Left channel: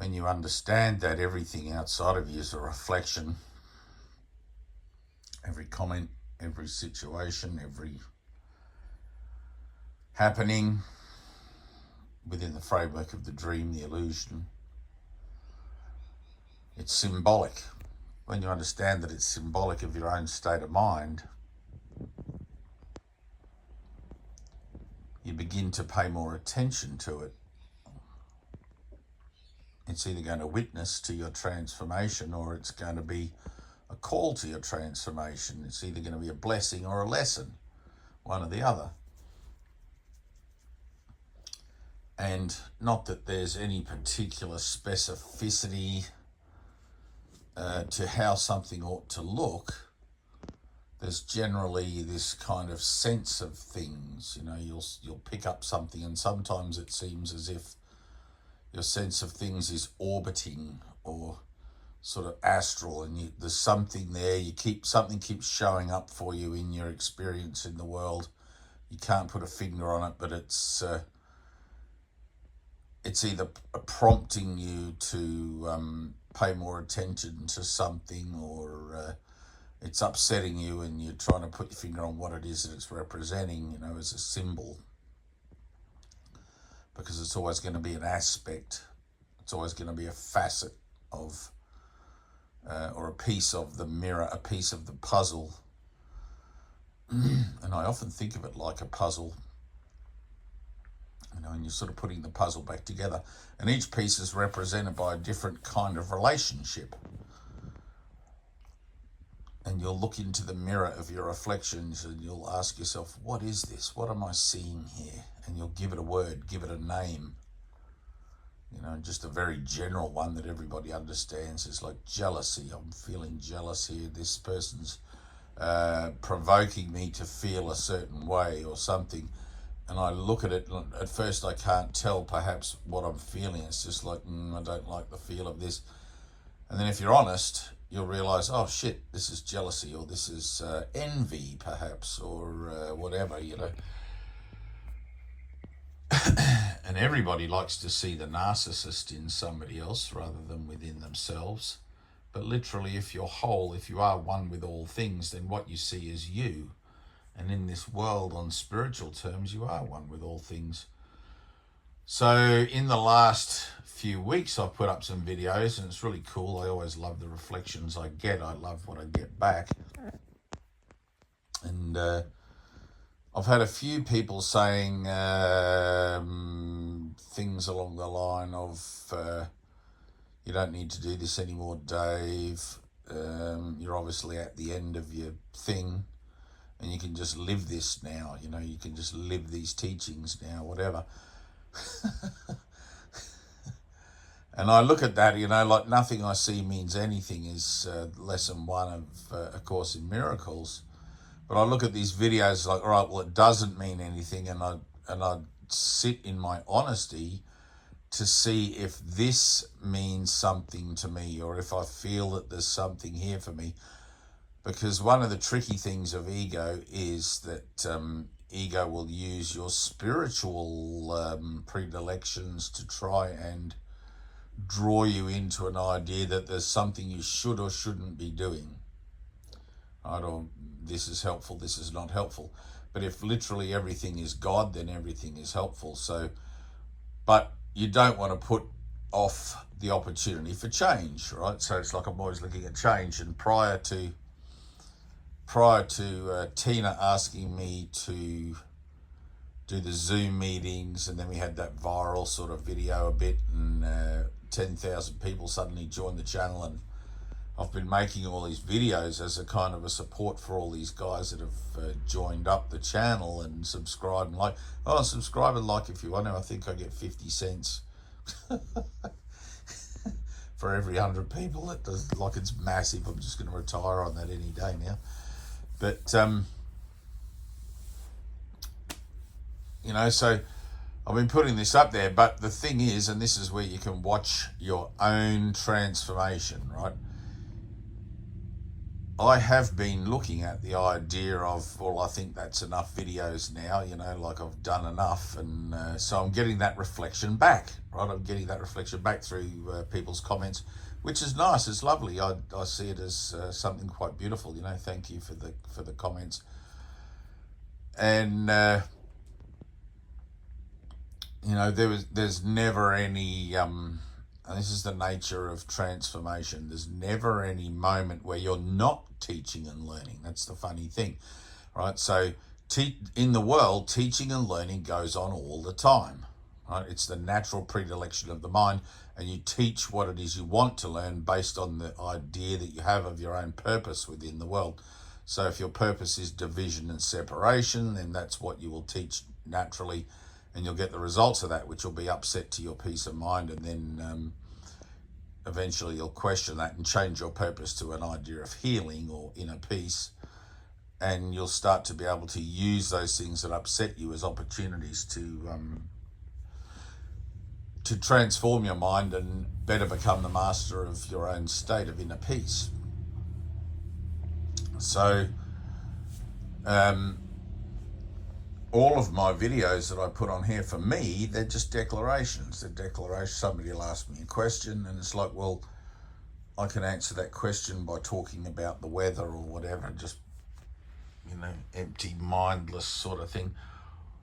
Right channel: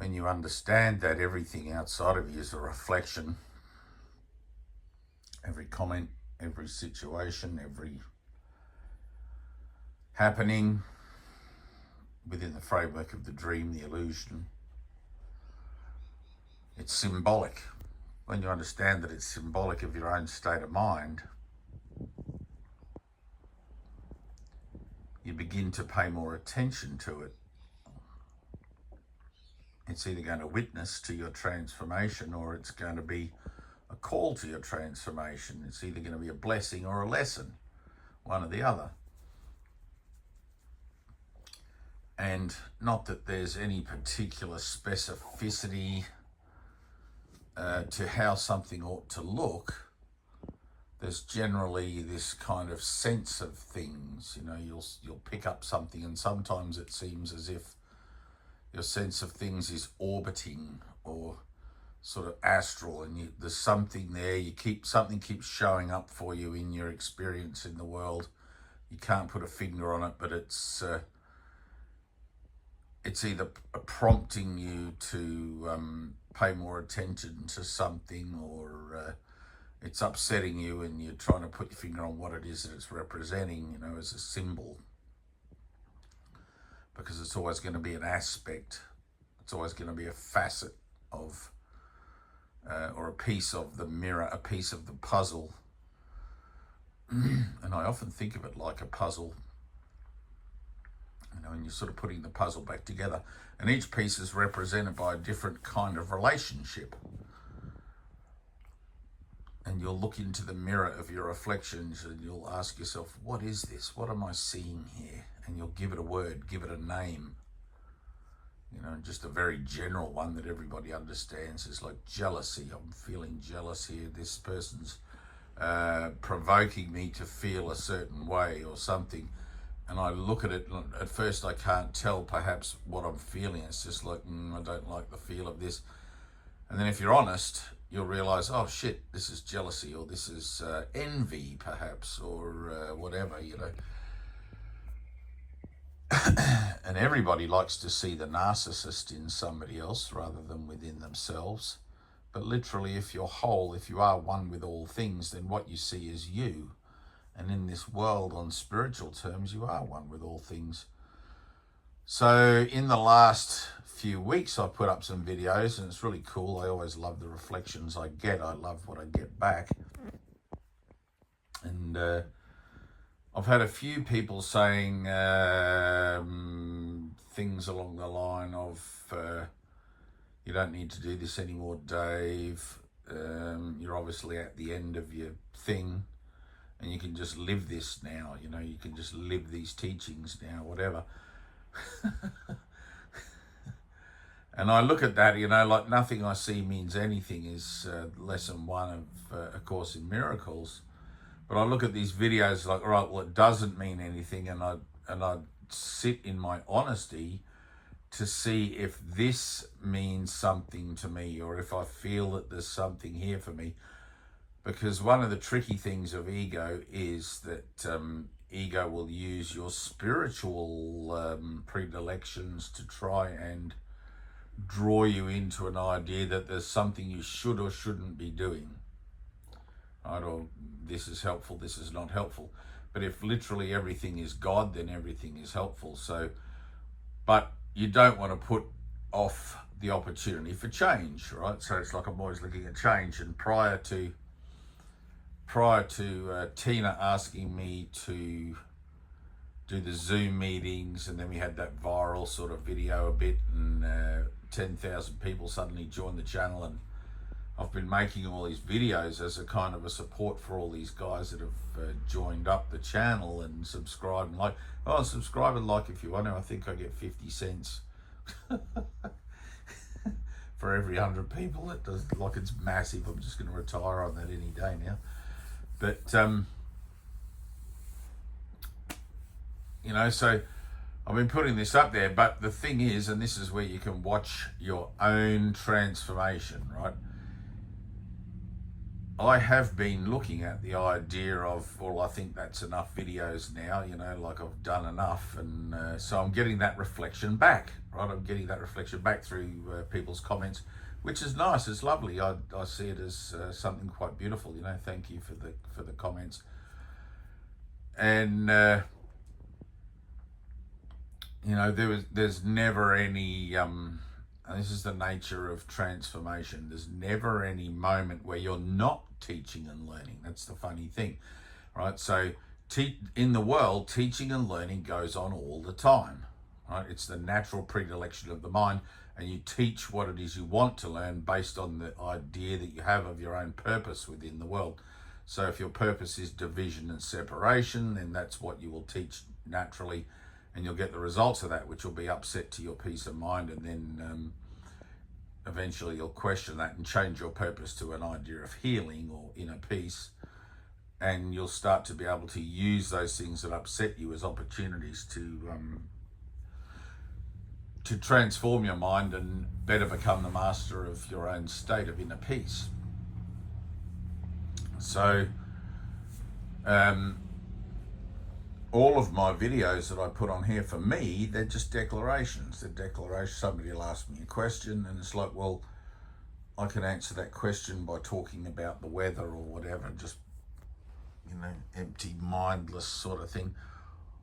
when you understand that everything outside of you is a reflection, every comment, every situation, every happening within the framework of the dream, the illusion, it's symbolic. When you understand that it's symbolic of your own state of mind, you begin to pay more attention to it. It's either going to witness to your transformation or it's going to be a call to your transformation. It's either going to be a blessing or a lesson, one or the other. And not that there's any particular specificity to how something ought to look. There's generally this kind of sense of things. You know, you'll pick up something, and sometimes it seems as if your sense of things is orbiting or sort of astral, and there's something there. Something keeps showing up for you in your experience in the world. You can't put a finger on it, but it's either prompting you to pay more attention to something, or it's upsetting you and you're trying to put your finger on what it is that it's representing, you know, as a symbol. Because it's always going to be an aspect. It's always going to be a facet of, or a piece of the mirror, a piece of the puzzle. And I often think of it like a puzzle. You know, and you're sort of putting the puzzle back together, and each piece is represented by a different kind of relationship. And you'll look into the mirror of your reflections and you'll ask yourself, what is this? What am I seeing here? And you'll give it a word, give it a name. You know, just a very general one that everybody understands is like jealousy. I'm feeling jealous here. This person's provoking me to feel a certain way or something. And I look at it, and at first I can't tell perhaps what I'm feeling. It's just like, I don't like the feel of this. And then if you're honest, you'll realize, oh shit, this is jealousy, or this is envy perhaps, or whatever, you know. And everybody likes to see the narcissist in somebody else rather than within themselves. But literally, if you're whole, if you are one with all things, then what you see is you. And in this world, on spiritual terms, you are one with all things. So in the last few weeks, I've put up some videos, and it's really cool. I always love the reflections I get. I love what I get back. And I've had a few people saying things along the line of, you don't need to do this anymore, Dave. You're obviously at the end of your thing. And you can just live this now, you know, you can just live these teachings now, whatever. And I look at that, you know, like Nothing I See Means Anything is lesson 1 of A Course in Miracles. But I look at these videos like, all right, well, it doesn't mean anything. And I sit in my honesty to see if this means something to me, or if I feel that there's something here for me. Because one of the tricky things of ego is that ego will use your spiritual predilections to try and draw you into an idea that there's something you should or shouldn't be doing. Right? Or this is helpful, this is not helpful. But if literally everything is God, then everything is helpful. So, but you don't want to put off the opportunity for change, right? So it's like I'm always looking at change. And prior to Tina asking me to do the Zoom meetings, and then we had that viral sort of video a bit, and 10,000 people suddenly joined the channel, and I've been making all these videos as a kind of a support for all these guys that have joined up the channel and subscribed and like. Oh, subscribe and like if you want to. I think I get 50 cents for every 100 people. That does, like, it's massive. I'm just going to retire on that any day now. But, you know, so I've been putting this up there. But the thing is, and this is where you can watch your own transformation, right? I have been looking at the idea of, well, I think that's enough videos now, you know, like I've done enough. And so I'm getting that reflection back, right? I'm getting that reflection back through people's comments, which is nice. It's lovely. I see it as something quite beautiful, you know. Thank you for the comments. And, you know, there's never any, and this is the nature of transformation, there's never any moment where you're not teaching and learning. That's the funny thing, right? So in the world, teaching and learning goes on all the time, right? It's the natural predilection of the mind, and you teach what it is you want to learn based on the idea that you have of your own purpose within the world. So if your purpose is division and separation, then that's what you will teach naturally, and you'll get the results of that, which will be upset to your peace of mind, and then eventually you'll question that and change your purpose to an idea of healing or inner peace, and you'll start to be able to use those things that upset you as opportunities to transform your mind and better become the master of your own state of inner peace. So all of my videos that I put on here, for me, they're just declarations. They're declarations. Somebody will ask me a question, and it's like, well, I can answer that question by talking about the weather or whatever, just, you know, empty, mindless sort of thing.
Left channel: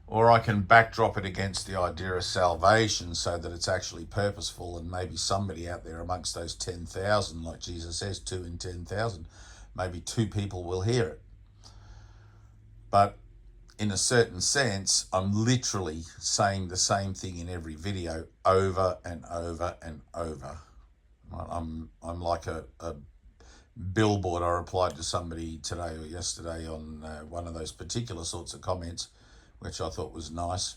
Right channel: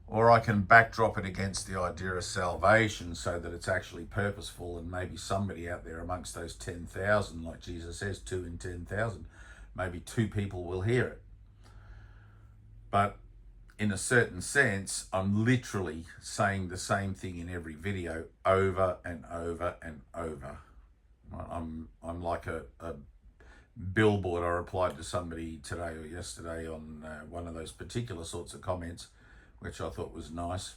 Or I can backdrop it against the idea of salvation so that it's actually purposeful, and maybe somebody out there amongst those 10,000, like Jesus says, 2 in 10,000, maybe 2 people will hear it. But in a certain sense, I'm literally saying the same thing in every video over and over and over. I'm like a billboard. I replied to somebody today or yesterday on one of those particular sorts of comments, which I thought was nice.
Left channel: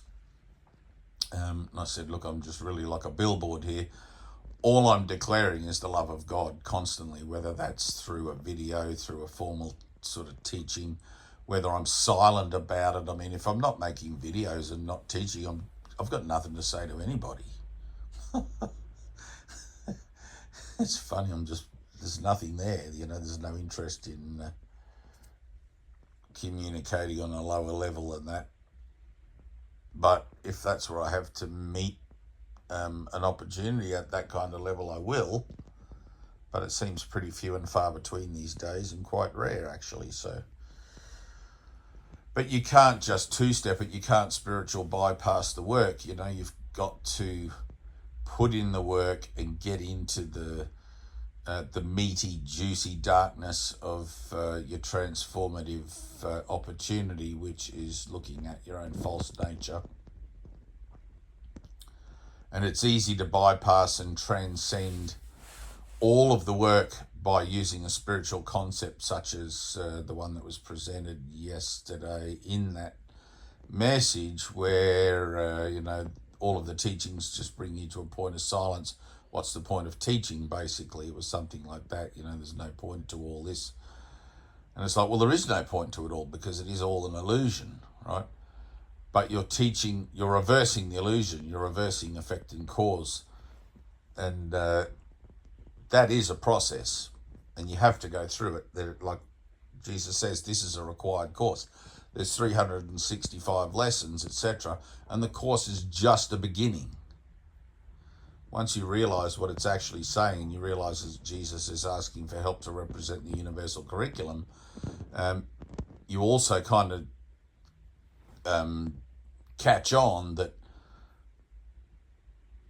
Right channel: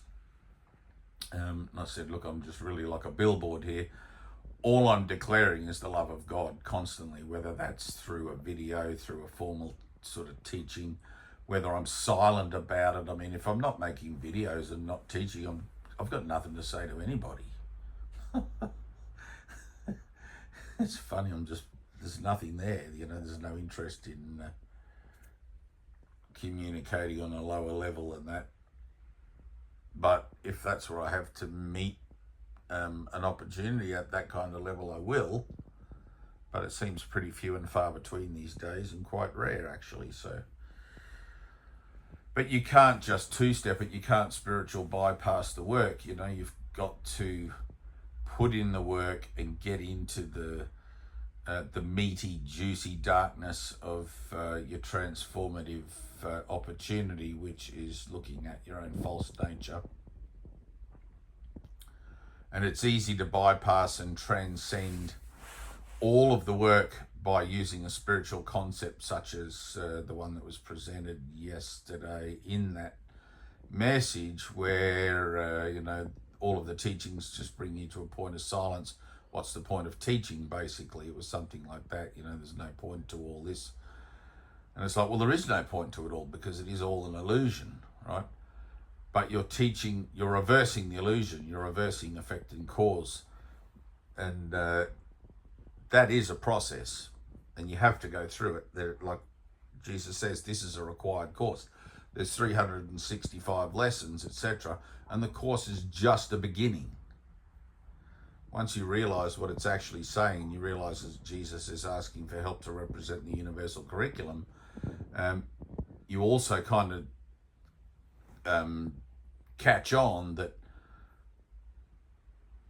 And I said, look, I'm just really like a billboard here. All I'm declaring is the love of God constantly, whether that's through a video, through a formal sort of teaching, whether I'm silent about it. I mean, if I'm not making videos and not teaching, I've got nothing to say to anybody. It's funny, there's nothing there, you know, there's no interest in communicating on a lower level than that. But if that's where I have to meet an opportunity at that kind of level, I will. But it seems pretty few and far between these days, and quite rare actually. So, but you can't just two-step it. You can't spiritual bypass the work. You know, you've got to put in the work and get into the meaty, juicy darkness of your transformative opportunity, which is looking at your own false nature. And it's easy to bypass and transcend all of the work by using a spiritual concept such as the one that was presented yesterday in that message, where, you know, all of the teachings just bring you to a point of silence. What's the point of teaching? Basically, it was something like that. You know, there's no point to all this. And it's like, well, there is no point to it all, because it is all an illusion, right? But you're teaching, you're reversing the illusion, you're reversing effect and cause. And that is a process, and you have to go through it. Like Jesus says, this is a required course. There's 365 lessons, etc. And the course is just a beginning. Once you realize what it's actually saying, you realize that Jesus is asking for help to represent the universal curriculum. You also kind of catch on that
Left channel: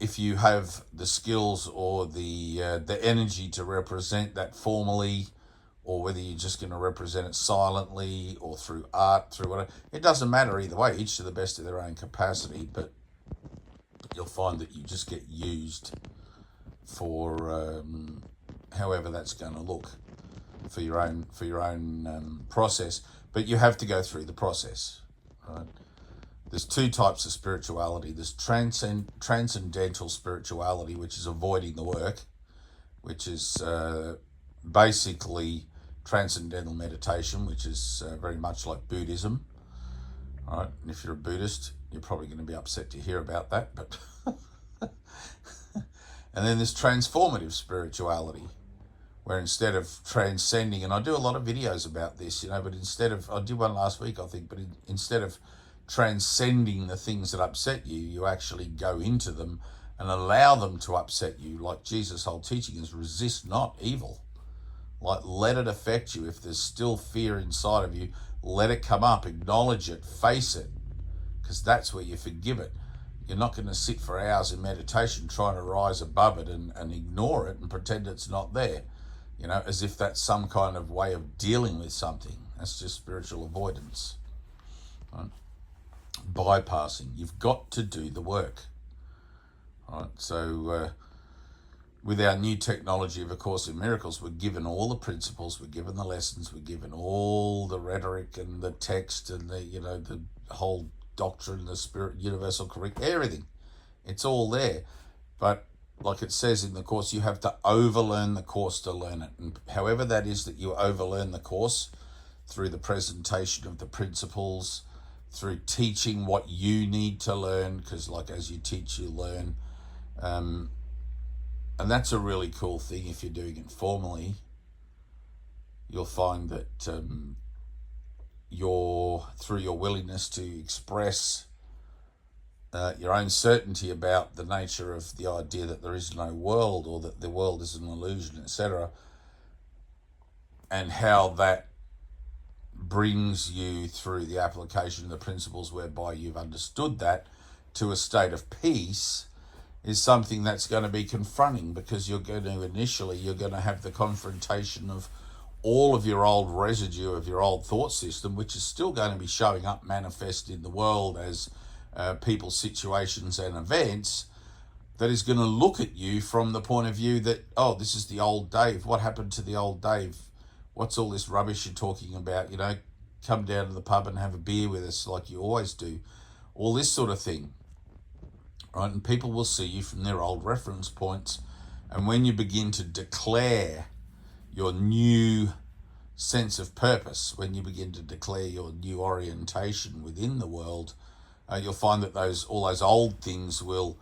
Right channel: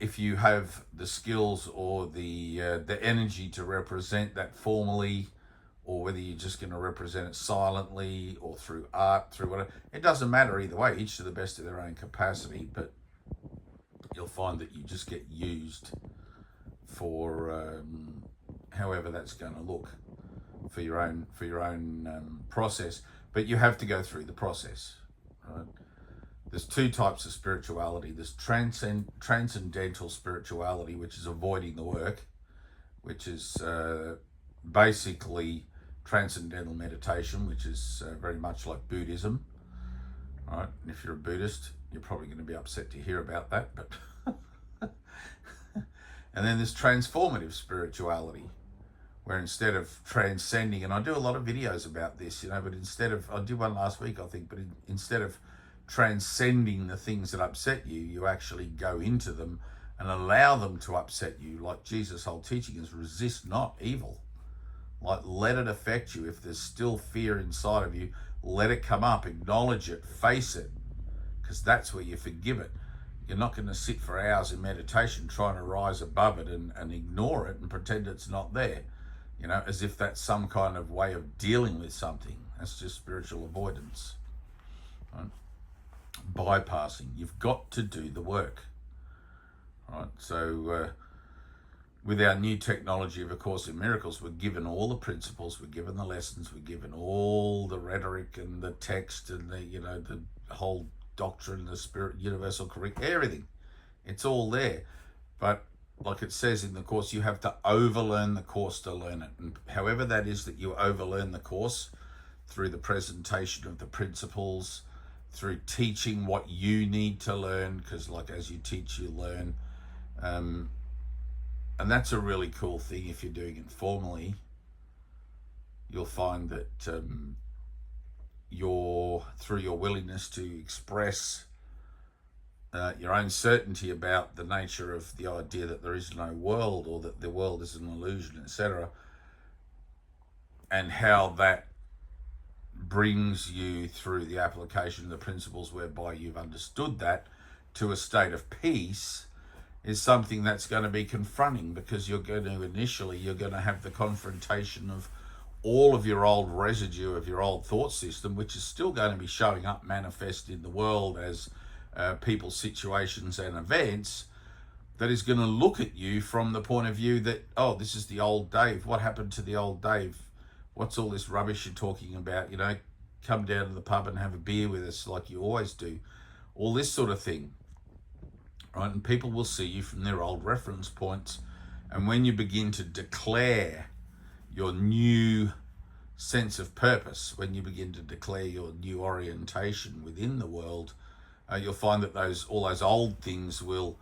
if you have the skills or the energy to represent that formally, or whether you're just going to represent it silently or through art, through whatever, it doesn't matter either way, each to the best of their own capacity. But you'll find that you just get used for however that's going to look for your own process. But you have to go through the process, right? There's 2 types of spirituality. There's transcendental spirituality, which is avoiding the work, which is basically transcendental meditation, which is very much like Buddhism, right? And if you're a Buddhist, you're probably going to be upset to hear about that. But and then there's transformative spirituality, where instead of transcending, and I do a lot of videos about this, but instead of, I did one last week, I think, but instead of transcending the things that upset you, you actually go into them and allow them to upset you. Like Jesus' whole teaching is resist not evil. Like, let it affect you. If there's still fear inside of you, let it come up, acknowledge it, face it, because that's where you forgive it. You're not going to sit for hours in meditation trying to rise above it and ignore it and pretend it's not there, as if that's some kind of way of dealing with something. That's just spiritual avoidance, right? Bypassing. You've got to do the work, right? So with our new technology of A Course in Miracles, we're given all the principles, we're given the lessons, we're given all the rhetoric and the text and the whole doctrine, the spirit, universal curriculum, everything. It's all there. But like it says in the Course, you have to overlearn the Course to learn it. And however that is that you overlearn the Course, through the presentation of the principles, through teaching what you need to learn, because like as you teach, you learn. And that's a really cool thing. If you're doing it formally, you'll find that through your willingness to express your own certainty about the nature of the idea that there is no world, or that the world is an illusion, etc., and how that brings you through the application of the principles whereby you've understood that to a state of peace, is something that's going to be confronting, because you're going to have the confrontation of all of your old residue of your old thought system, which is still going to be showing up manifest in the world as people, situations and events, that is going to look at you from the point of view that, oh, this is the old Dave. What happened to the old Dave? What's all this rubbish you're talking about? Come down to the pub and have a beer with us like you always do. All this sort of thing, right? And people will see you from their old reference points. And when you begin to declare your new sense of purpose, when you begin to declare your new orientation within the world, you'll find that all those old things will,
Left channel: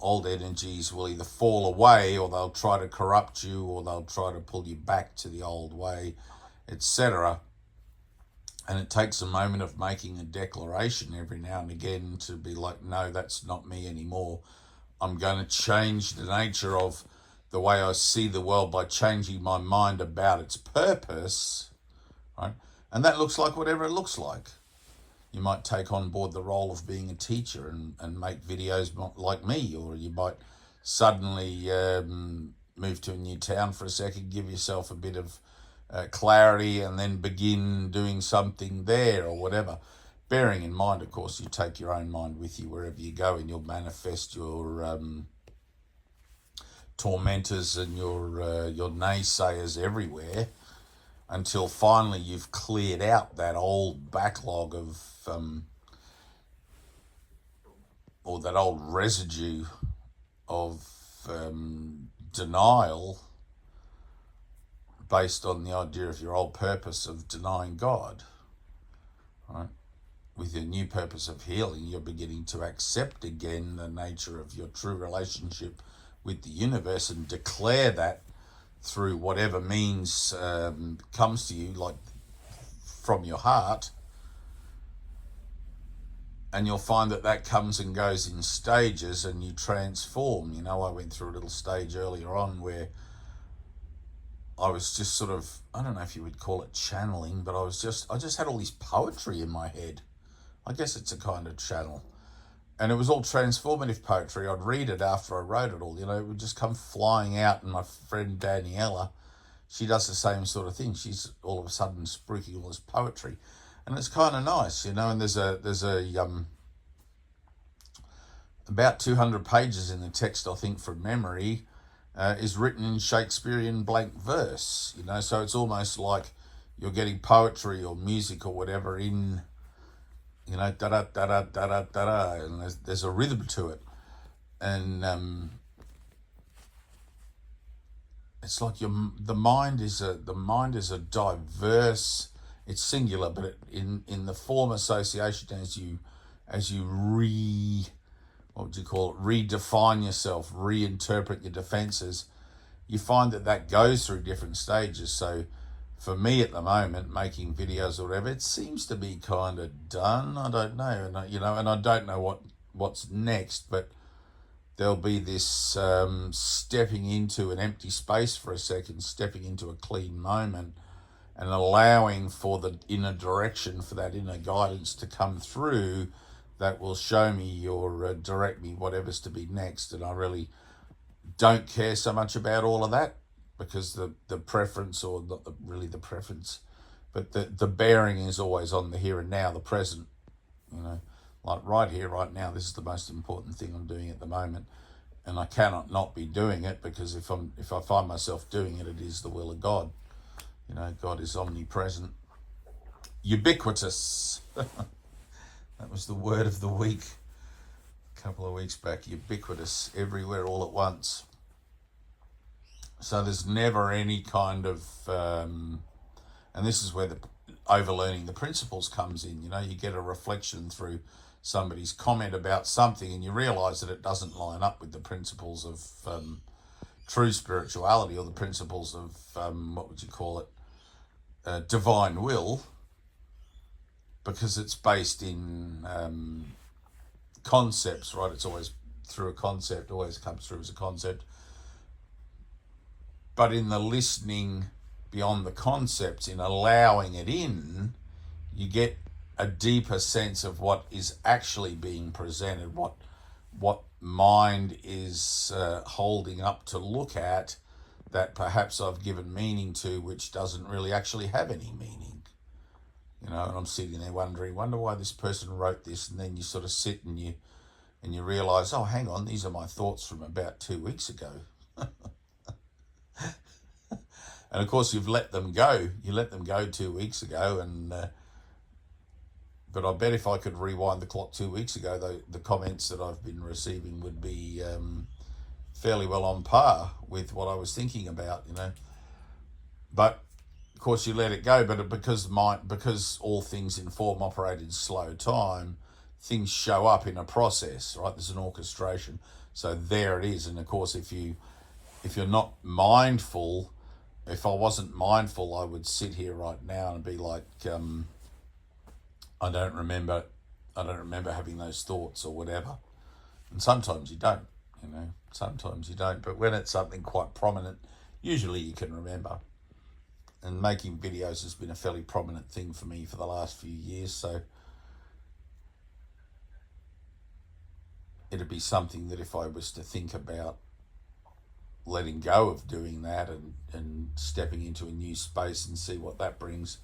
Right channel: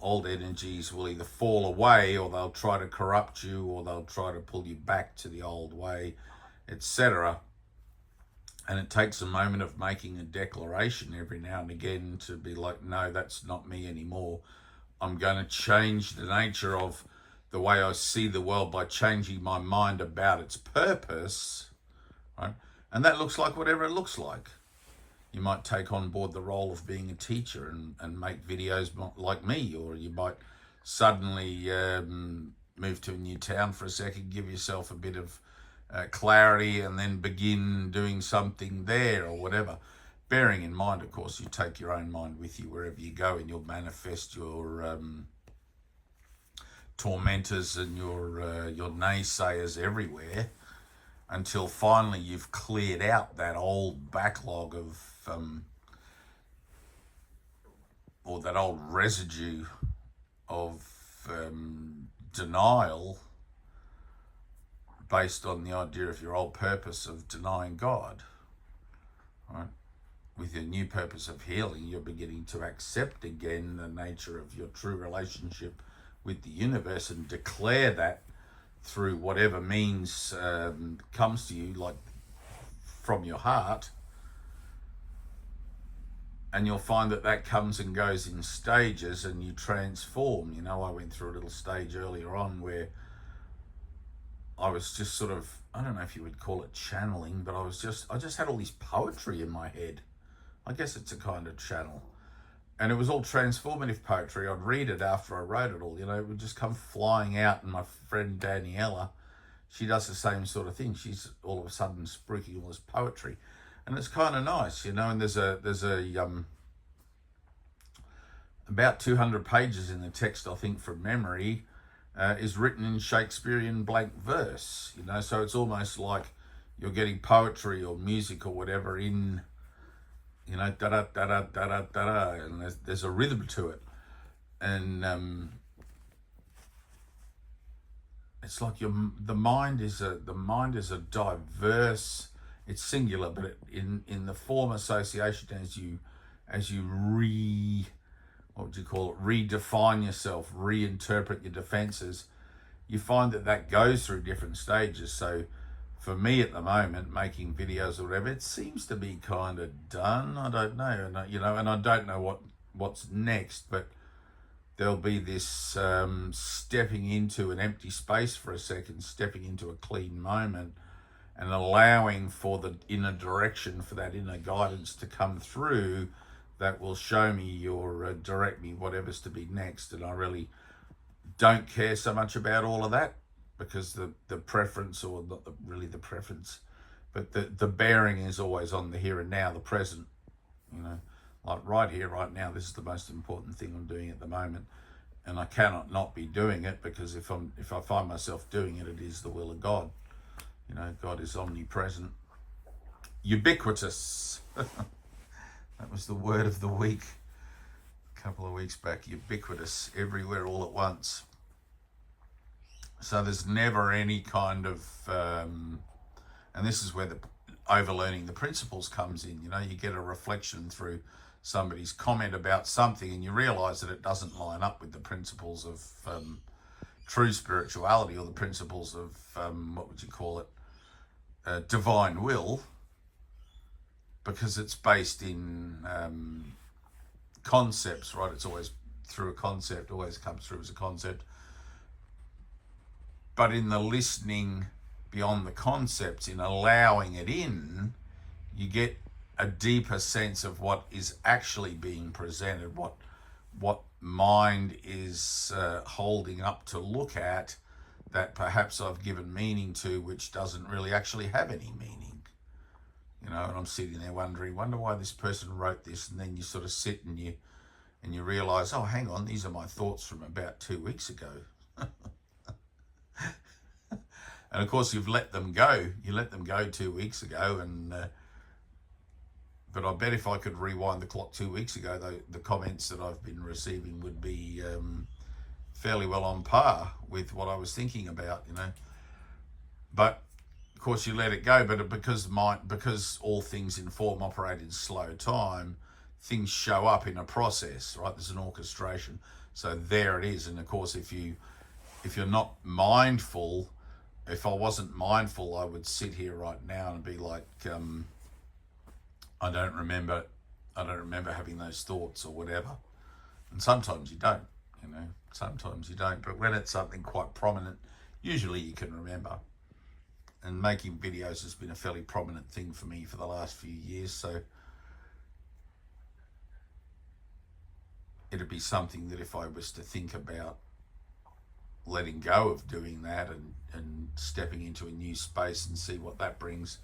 old energies will either fall away, or they'll try to corrupt you, or they'll try to pull you back to the old way, etc. And it takes a moment of making a declaration every now and again to be like, no, that's not me anymore. I'm going to change the nature of the way I see the world by changing my mind about its purpose, right? And that looks like whatever it looks like. You might take on board the role of being a teacher and make videos like me, or you might suddenly move to a new town for a second, give yourself a bit of clarity, and then begin doing something there or whatever. Bearing in mind, of course, you take your own mind with you wherever you go, and you'll manifest your tormentors and your naysayers everywhere, until finally you've cleared out that old backlog of or that old residue of denial, based on the idea of your old purpose of denying God, right? With your new purpose of healing, you're beginning to accept again the nature of your true relationship with the universe, and declare that through whatever means comes to you, like from your heart. And you'll find that comes and goes in stages, and you transform. I went through a little stage earlier on where I was just sort of, I don't know if you would call it channeling, but I just had all this poetry in my head. I guess it's a kind of channel. And it was all transformative poetry. I'd read it after I wrote it all, it would just come flying out. And my friend Daniela, she does the same sort of thing. She's all of a sudden spruiking all this poetry. And it's kind of nice, and there's about 200 pages in the text, I think, from memory, is written in Shakespearean blank verse, so it's almost like you're getting poetry or music or whatever in, da da da da da da da, and there's a rhythm to it, and it's like the mind is a diverse. It's singular, but in the form association, as you redefine yourself, reinterpret your defenses, you find that goes through different stages. So for me at the moment, making videos or whatever, it seems to be kind of done. I don't know, and and I don't know what's next, but there'll be this stepping into an empty space for a second, stepping into a clean moment, and allowing for the inner direction, for that inner guidance to come through that will show me or direct me whatever's to be next. And I really don't care so much about all of that, because the preference, or not really the preference, but the bearing is always on the here and now, the present. Like right here, right now, this is the most important thing I'm doing at the moment, and I cannot not be doing it, because if I find myself doing it, it is the will of God. God is omnipresent, ubiquitous. That was the word of the week a couple of weeks back. Ubiquitous, everywhere, all at once. So there's never any kind of, and this is where the overlearning the principles comes in. You get a reflection through somebody's comment about something, and you realize that it doesn't line up with the principles of true spirituality, or the principles of, what would you call it, divine will, because it's based in concepts, right? It's always through a concept, always comes through as a concept. But in the listening beyond the concepts, in allowing it in, you get a deeper sense of what is actually being presented, what mind is holding up to look at, that perhaps I've given meaning to, which doesn't really actually have any meaning. And I'm sitting there wonder why this person wrote this, and then you sort of sit and you realize, oh, hang on, these are my thoughts from about 2 weeks ago. And of course, you've let them go. You let them go 2 weeks ago, but I bet if I could rewind the clock 2 weeks ago, the comments that I've been receiving would be fairly well on par with what I was thinking about, But of course, you let it go. But because all things in form operate in slow time, things show up in a process, right? There's an orchestration. So there it is. And of course, if you're not mindful, if I wasn't mindful, I would sit here right now and be like, I don't remember having those thoughts or whatever. And sometimes you don't, sometimes you don't. But when it's something quite prominent, usually you can remember. And making videos has been a fairly prominent thing for me for the last few years. So it'd be something that if I was to think about letting go of doing that and stepping into a new space and see what that brings,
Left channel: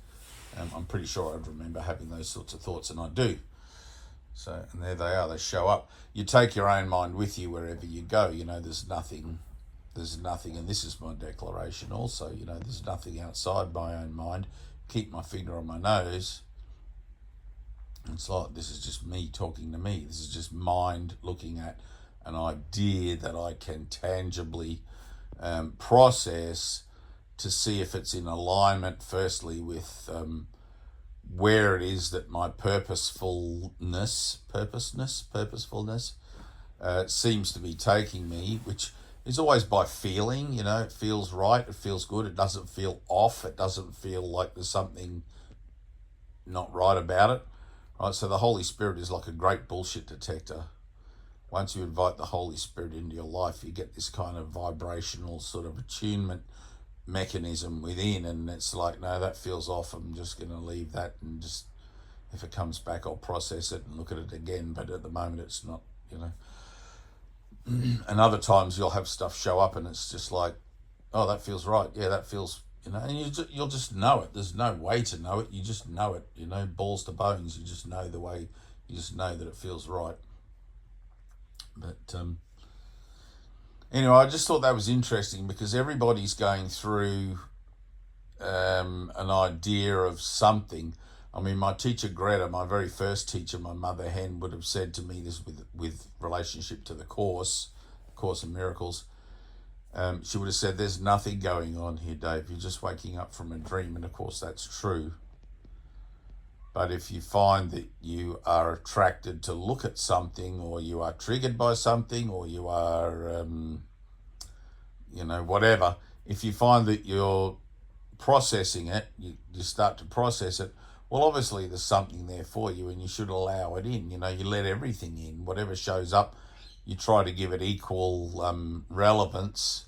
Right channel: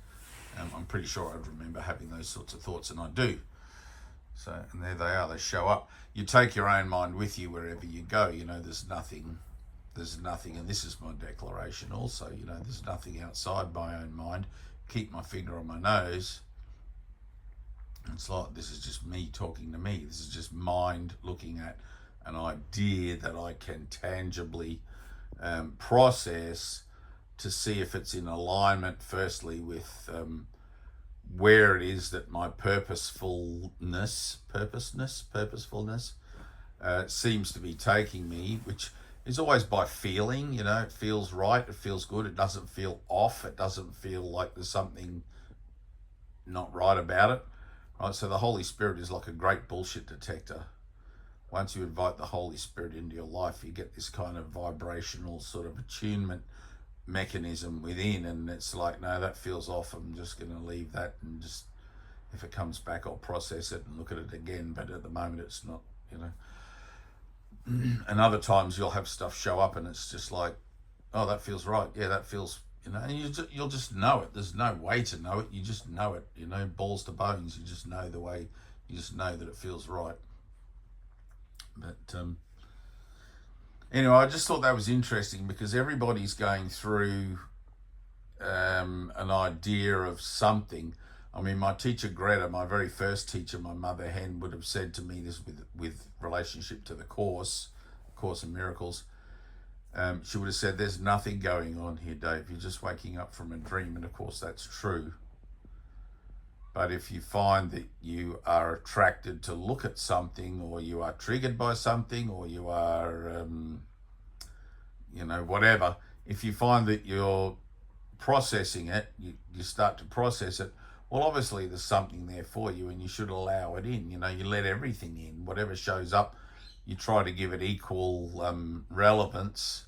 I'm pretty sure I'd remember having those sorts of thoughts, and I do. So, and there they are, they show up. You take your own mind with you wherever you go. There's nothing, and this is my declaration also, there's nothing outside my own mind. Keep my finger on my nose. It's like, this is just me talking to me. This is just mind looking at an idea that I can tangibly process, to see if it's in alignment, firstly, with where it is that my purposefulness seems to be taking me, which is always by feeling. It feels right, it feels good, it doesn't feel off, it doesn't feel like there's something not right about it, right? So the Holy Spirit is like a great bullshit detector. Once you invite the Holy Spirit into your life, you get this kind of vibrational sort of attunement mechanism within, and it's like, no, that feels off, I'm just going to leave that, and just, if it comes back, I'll process it and look at it again, but at the moment it's not, And other times you'll have stuff show up and it's just like, oh, that feels right, yeah, that feels, and you'll just know it. There's no way to know it, you just know it, balls to bones, you just know the way, you just know that it feels right. But anyway, I just thought that was interesting, because everybody's going through an idea of something. I mean, my teacher Greta, my very first teacher, my mother hen, would have said to me this with relationship to the Course in Miracles. She would have said, there's nothing going on here, Dave. You're just waking up from a dream. And of course, that's true. But if you find that you are attracted to look at something, or you are triggered by something, or you are, you know, whatever. If you find that you're processing it, you start to process it, well, obviously there's something there for you and you should allow it in. You know, you let everything in. Whatever shows up, you try to give it equal relevance,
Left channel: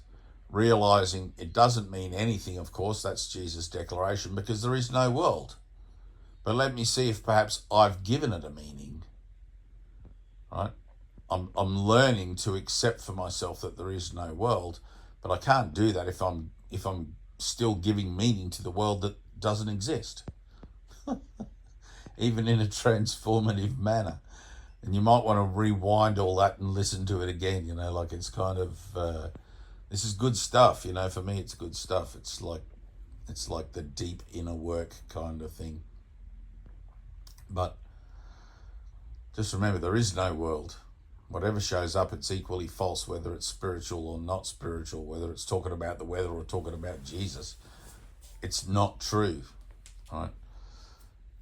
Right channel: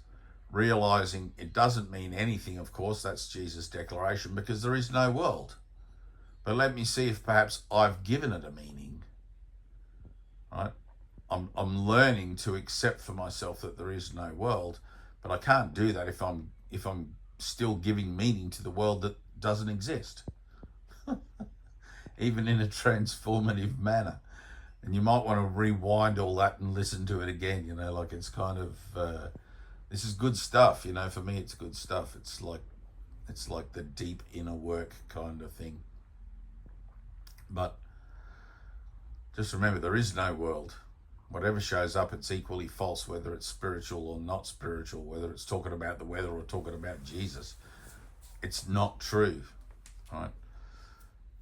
realizing it doesn't mean anything, of course. That's Jesus' declaration, because there is no world. But let me see if perhaps I've given it a meaning, right? I'm learning to accept for myself that there is no world, but I can't do that if I'm still giving meaning to the world that doesn't exist, even in a transformative manner. And you might want to rewind all that and listen to it again, you know, like it's kind of, this is good stuff, you know, for me it's good stuff. It's like the deep inner work kind of thing. But just remember, there is no world. Whatever shows up, it's equally false, whether it's spiritual or not spiritual, whether it's talking about the weather or talking about Jesus. It's not true, right?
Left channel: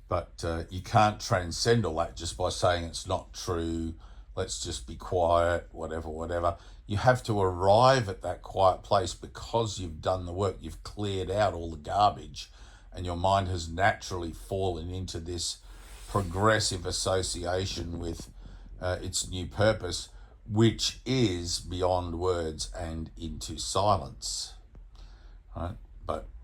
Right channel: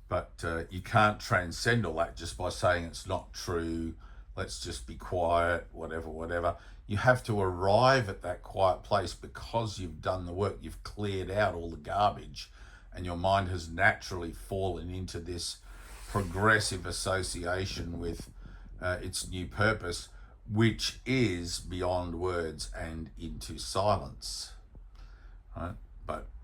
But you can't transcend all that just by saying it's not true, let's just be quiet, whatever. You have to arrive at that quiet place because you've done the work. You've cleared out all the garbage and your mind has naturally fallen into this progressive association with its new purpose, which is beyond words and into silence, right?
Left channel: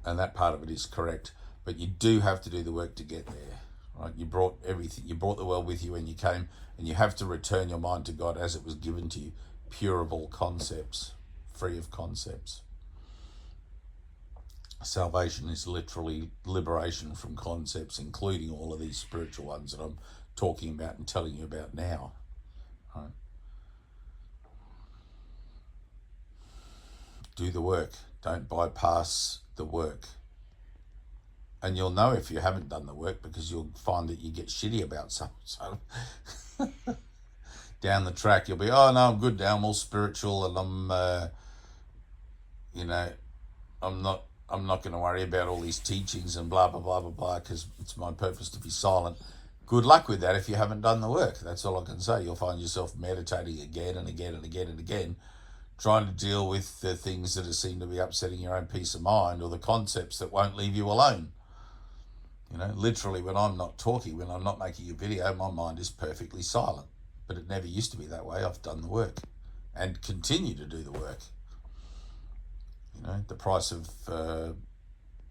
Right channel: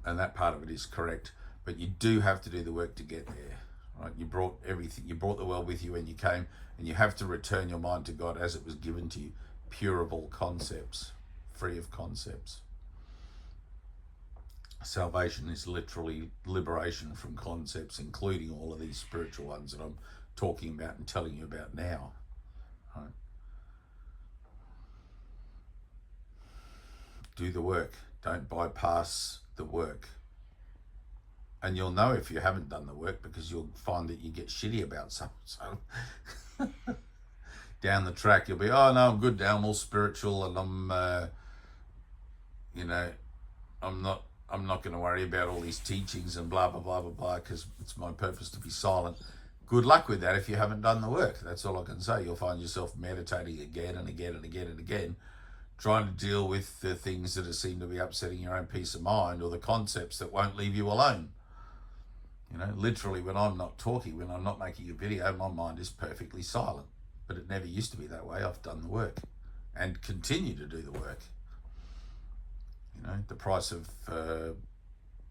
And that part of it is correct, but you do have to do the work to get there, right? You brought everything, you brought the world with you when you came, and you have to return your mind to God as it was given to you, pure of all concepts, free of concepts. Salvation is literally liberation from concepts, including all of these spiritual ones that I'm talking about and telling you about now. Right? Do the work. Don't bypass the work. And you'll know if you haven't done the work, because you'll find that you get shitty about something. So down the track, you'll be, oh no, I'm good now, I'm all spiritual, and I'm, you know, I'm not going to worry about all these teachings and blah, blah, blah, blah, blah, because it's my purpose to be silent. Good luck with that if you haven't done the work. That's all I can say. You'll find yourself meditating again and again and again and again, trying to deal with the things that seem to be upsetting your own peace of mind, or the concepts that won't leave you alone. You know, literally, when I'm not talking, when I'm not making a video, my mind is perfectly silent. But it never used to be that way. I've done the work and continue to do the work. You know, the price of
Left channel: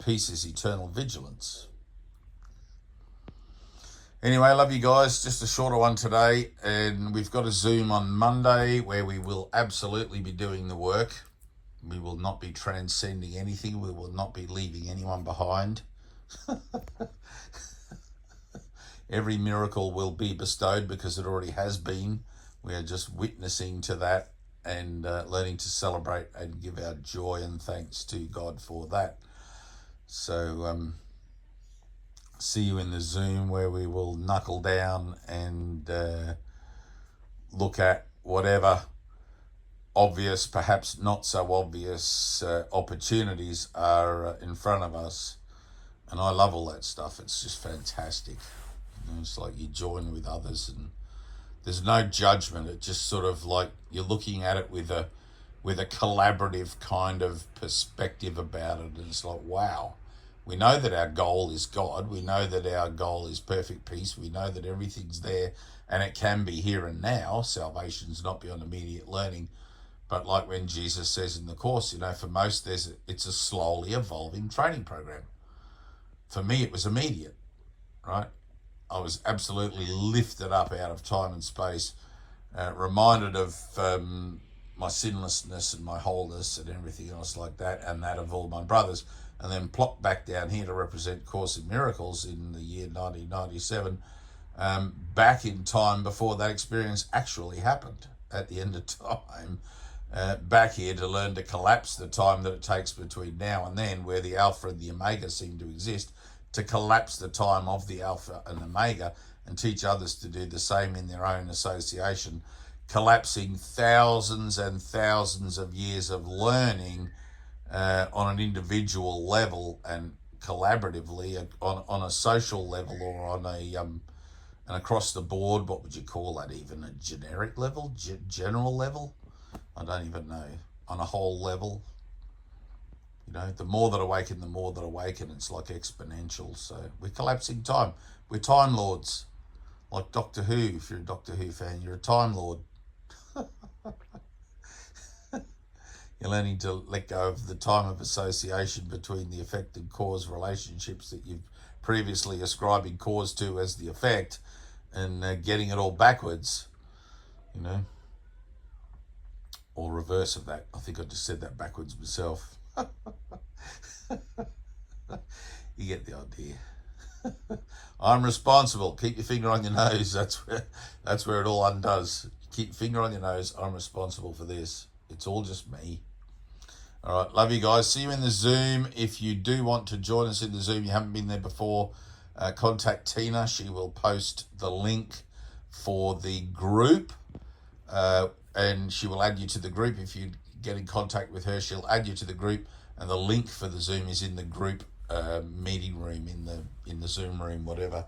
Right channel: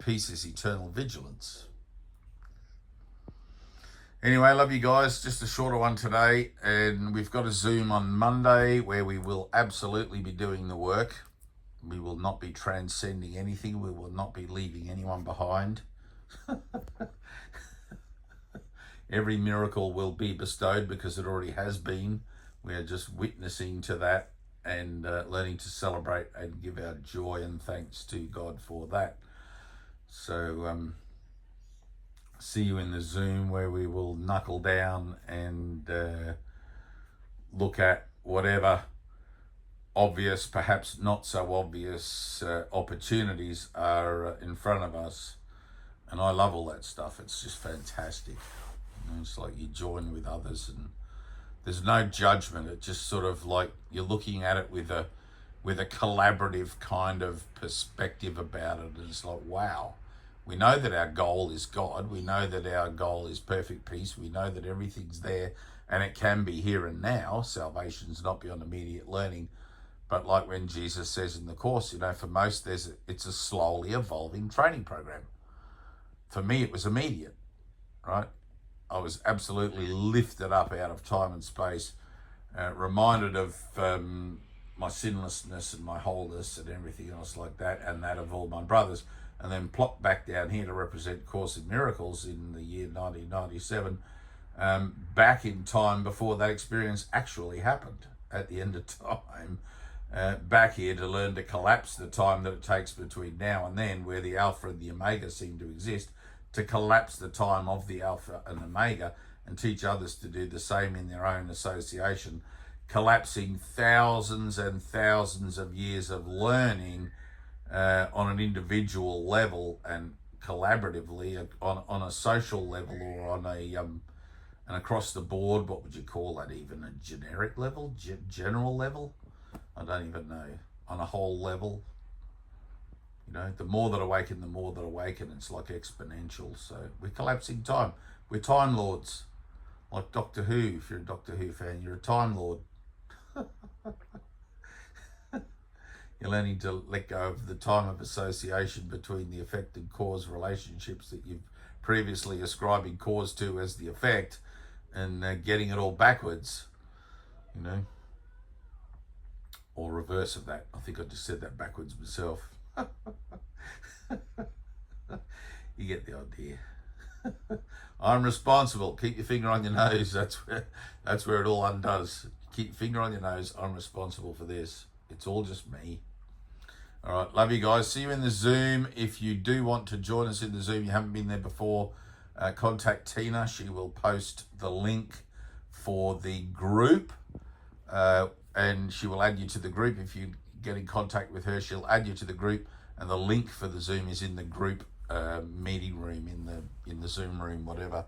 peace is eternal vigilance. Anyway, love you guys. Just a shorter one today. And we've got a Zoom on Monday where we will absolutely be doing the work. We will not be transcending anything. We will not be leaving anyone behind. Every miracle will be bestowed because it already has been. We are just witnessing to that and learning to celebrate and give our joy and thanks to God for that. So see you in the Zoom where we will knuckle down and look at whatever obvious, perhaps not so obvious opportunities are in front of us. And I love all that stuff. It's just fantastic. You know, it's like you join with others and there's no judgment. It's just sort of like you're looking at it with a collaborative kind of perspective about it. And it's like, wow, we know that our goal is God. We know that our goal is perfect peace. We know that everything's there and it can be here and now. Salvation's not beyond immediate learning. But like when Jesus says in the Course, you know, for most it's a slowly evolving training program. For me, it was immediate, right? I was absolutely lifted up out of time and space, reminded of my sinlessness and my wholeness and everything else like that, and that of all my brothers, and then plopped back down here to represent Course in Miracles in the year 1997, back in time before that experience actually happened at the end of time, back here to learn to collapse the time that it takes between now and then, where the Alpha and the Omega seem to exist, to collapse the time of the Alpha and Omega and teach others to do the same in their own association, collapsing thousands and thousands of years of learning on an individual level and collaboratively on a social level, or on a an across the board, what would you call that, even a generic level, general level? I don't even know, on a whole level. You know, the more that awaken, the more that awaken. It's like exponential. So we're collapsing time. We're time lords. Like Doctor Who. If you're a Doctor Who fan, you're a time lord. You're learning to let go of the time of association between the effect and cause relationships that you've previously ascribing cause to as the effect, and getting it all backwards, you know, or reverse of that. I think I just said that backwards myself. You get the idea. I'm responsible. Keep your finger on your nose. That's where it all undoes. Keep your finger on your nose. I'm responsible for this. It's all just me. All right, love you guys. See you in the Zoom. If you do want to join us in the Zoom, you haven't been there before, contact Tina. She will post the link for the group, and she will add you to the group. If you get in contact with her, she'll add you to the group, and the link for the Zoom is in the group meeting room, in the Zoom room, whatever.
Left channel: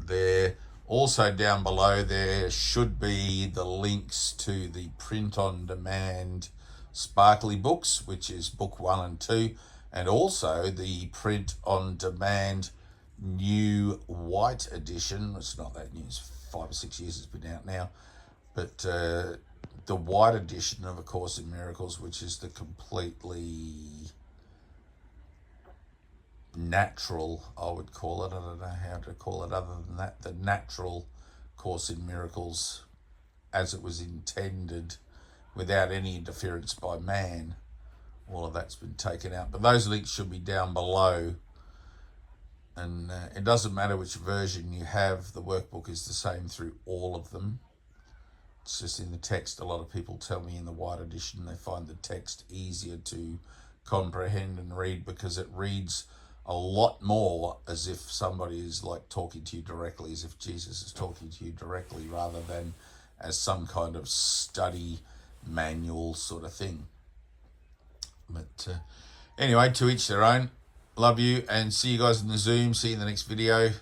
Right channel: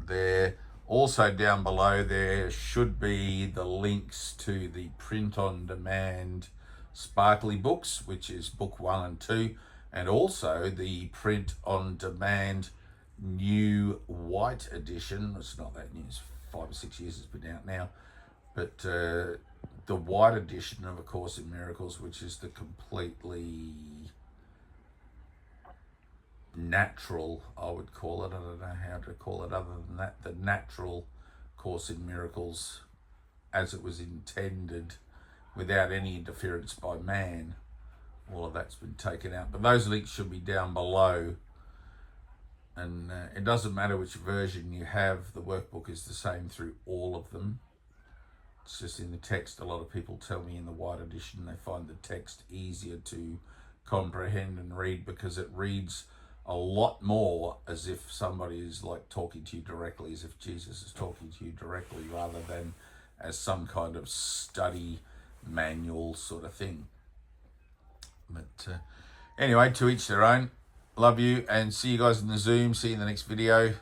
There. Also down below there should be the links to the print-on-demand Sparkly books, which is book 1 and 2, and also the print-on-demand new white edition. It's not that new, it's 5 or 6 years it's been out now, but the white edition of A Course in Miracles, which is the completely natural, I would call it, I don't know how to call it other than that, the natural Course in Miracles as it was intended, without any interference by man. All of that's been taken out, but those links should be down below, and it doesn't matter which version you have, the workbook is the same through all of them. It's just in the text. A lot of people tell me in the white edition they find the text easier to comprehend and read, because it reads a lot more as if somebody is like talking to you directly, as if Jesus is talking to you directly, rather than as some kind of study manual sort of thing. But anyway, to each their own. Love you, and see you guys in the Zoom. See you in the next video,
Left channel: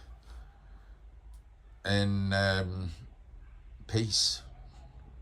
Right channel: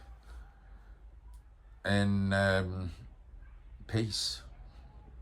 and peace.